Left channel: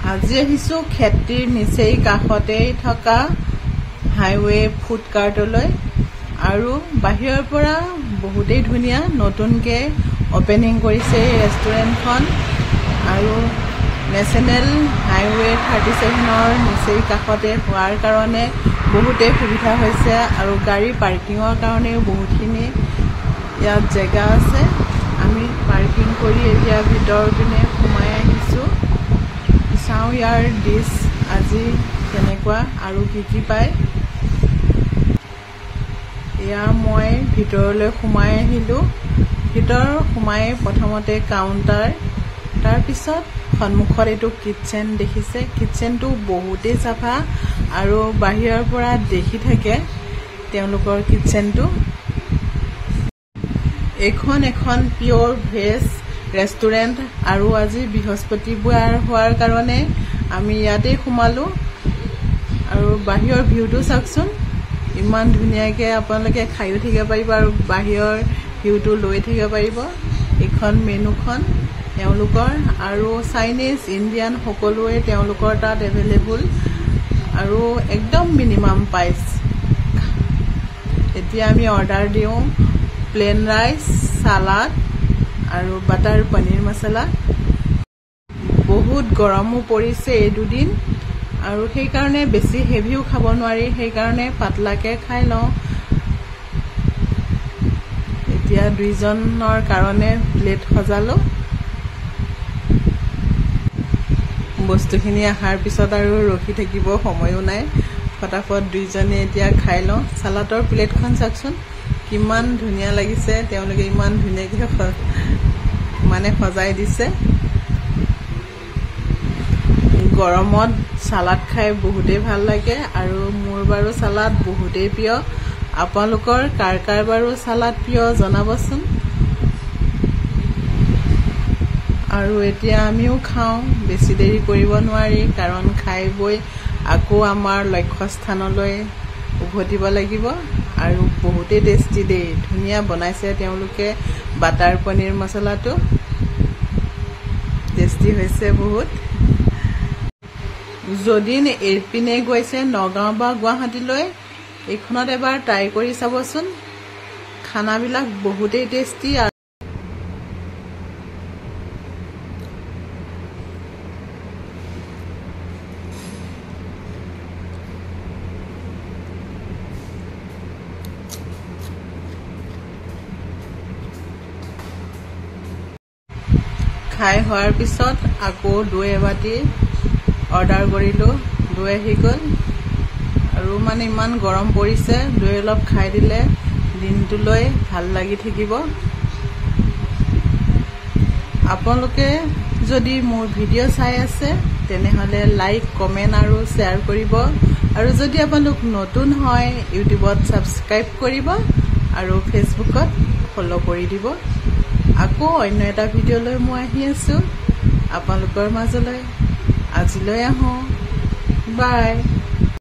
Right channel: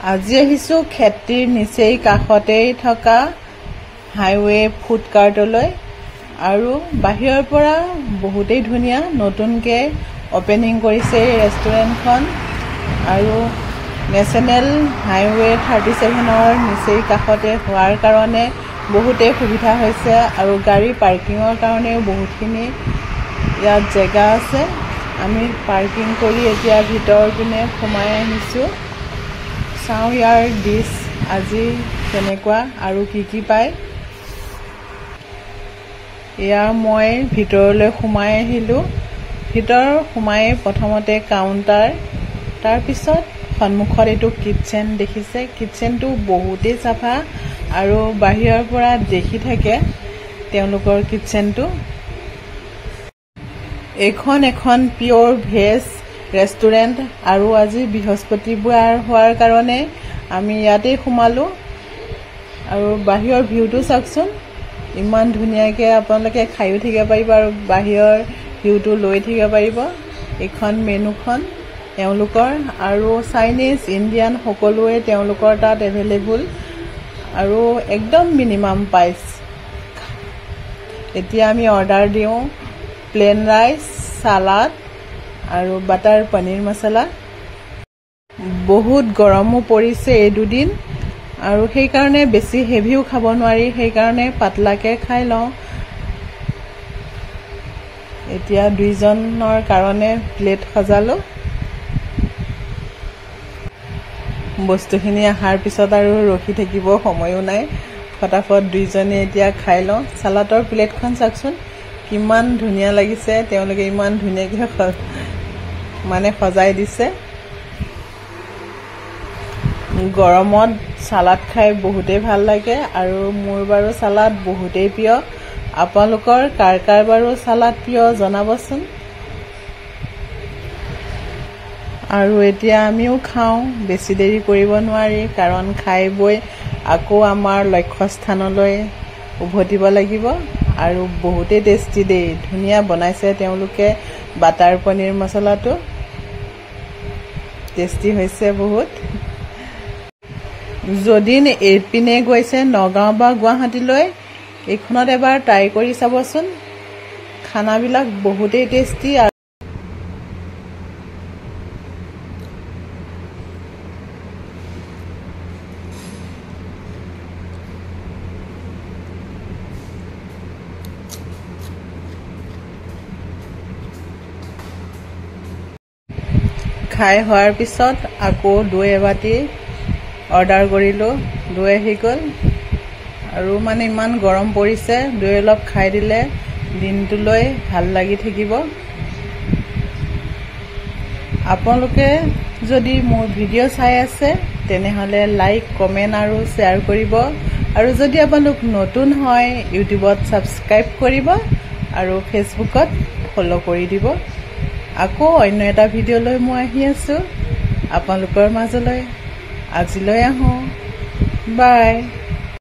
আজি আহিছো খেতিৰ নিচেই কাষতেই থকা হাইৱে ফুড কাৰ্টলৈ আৰু বাহিৰৰ পৰা বহুতেই ধুনীয়া নতুনকে ওপেনিং কৰিছে এই ৰেষ্টুৰেণ্টখন আৰু নেশ্যনেল হাইৱে 37ৰ নিচেই কাষতে হোৱাৰ কাৰণে বহুতেই সুবিধা হৈছে আৰু গাড়ী পাৰ্কিঙৰ কাৰণেও বহুতখিনি ইয়াত জেগা আছে আমি পাৰ্কিং কৰি এতিয়া ভিতৰ পিনে সোমাই আহিছো চাওঁ ইয়াৰ ডিছ আজি কেনেকুৱা আৰু কি পায় ইয়া মই ভিতৰলৈ সোমাই আহিলো ভিতৰ সোমাই প্ৰথমতে কাউণ্টাৰ তাৰ পিছত সন্মুখত এইটো কিচেন দেখিছে কিচেনটো বহুতেই চাফা আৰু বাহিৰৰ পৰা দেখি থাকে তেওঁলোকৰ কিচেনটো এখন পিওৰ ভেজ ৰেষ্টুৰেণ্ট আৰু আজি বৃহস্পতিবাৰ হোৱাৰ কাৰণে আমি ইয়াতে সোমালো আৰু বাহিৰৰ ভিউটো চাওকচোন ইমান ধুনীয়াকৈ আপোনালোকে খাইও থাকিব পাৰিব আৰু বাহিৰৰ ভিউটো লৈ থাকিব পাৰিব এখন মেনুখন তেওঁলোকৰ আৰু চাইনিজ ইণ্ডিয়ান সকলোৱে তেওঁলোকৰ তাত এভেইলেবল আৰু একদম মিনিমাম প্ৰাইচ এতিয়া আমি অৰ্ডাৰ দিওঁ প্লেন ৰাইচ সালাড আৰু বাটাৰ পনীৰ মছলা বহুত গৰমো পৰিছে এই দুদিন আৰু সেই কাৰণে বেছি হেভিও খাব নোৱাৰি সেই কাৰণে পাতলাকে খাই লওঁ এতিয়া দুইজনৰ কাৰণে প্লেট সজালো বস্তুখিনি আহাৰ পিছত আৰু ৰখি থাকিব সময়ো নাই ফটাফট দুইজনে এতিয়া খাই লওঁ সালাডৰ প্লেটখন চাওকচোন কিমান ধুনীয়া লাগিছে তেওঁলোকে ইমান ধুনীয়াকৈ সজাই দিছে গৰমত সালাড খাই বহুতেই ভাল লাগে আৰু মোৰ বাৰু সালাড বহুতেই প্ৰিয় আপোনালোকৰ কাৰ বাৰু সালাড প্ৰিয় জনাবচোন আৰু এতিয়া আমিও খাওঁ বেছি দেৰি কৰিব নোৱাৰি কাৰণ খাই বৈ আকৌ আমাৰ লক্ষ্যস্থানলৈ উভতিব লাগিব আৰু বহুতেই টেষ্টি দেই ধুনীয়া বনাইছে তেওঁলোকে বাটাৰ পনীৰ মছলাটো টেষ্টি হৈছে বহুত যদি এইপিনে গৈছে নগাঁও বা গুৱাহাটীলৈ এইখনত এবাৰ ট্ৰাই কৰি চাবচোন খানাবিলাক বহুতেই টেষ্টি খাই হোৱাৰ পিছত আকৌ দৈ এবাটি অৰ্ডাৰ কৰিলোঁ দৈ আহি গ'ল আৰু মানে ইমান গৰম পৰিছে দৈ অলপ খাই দিলে দিনটোলৈ ভাল লাগি থাকিব আপোনালোকে যদি মোৰ ভিডিঅ' চাই আছে তেনেহ'লে লাইক কমেণ্ট আৰু শ্বেয়াৰ কৰিব আৰু যদি আপোনালোক নতুন হয় ইউটিউবত ছাবস্ক্ৰাইব কৰিব আৰু ফেচবুকত ফ'ল' কৰি দিব আকৌ অন্য এটা ভিডিঅ'লৈ মই আহি আছো আপোনালোকৰ মাজলৈ আজিলৈ আহোঁ বাই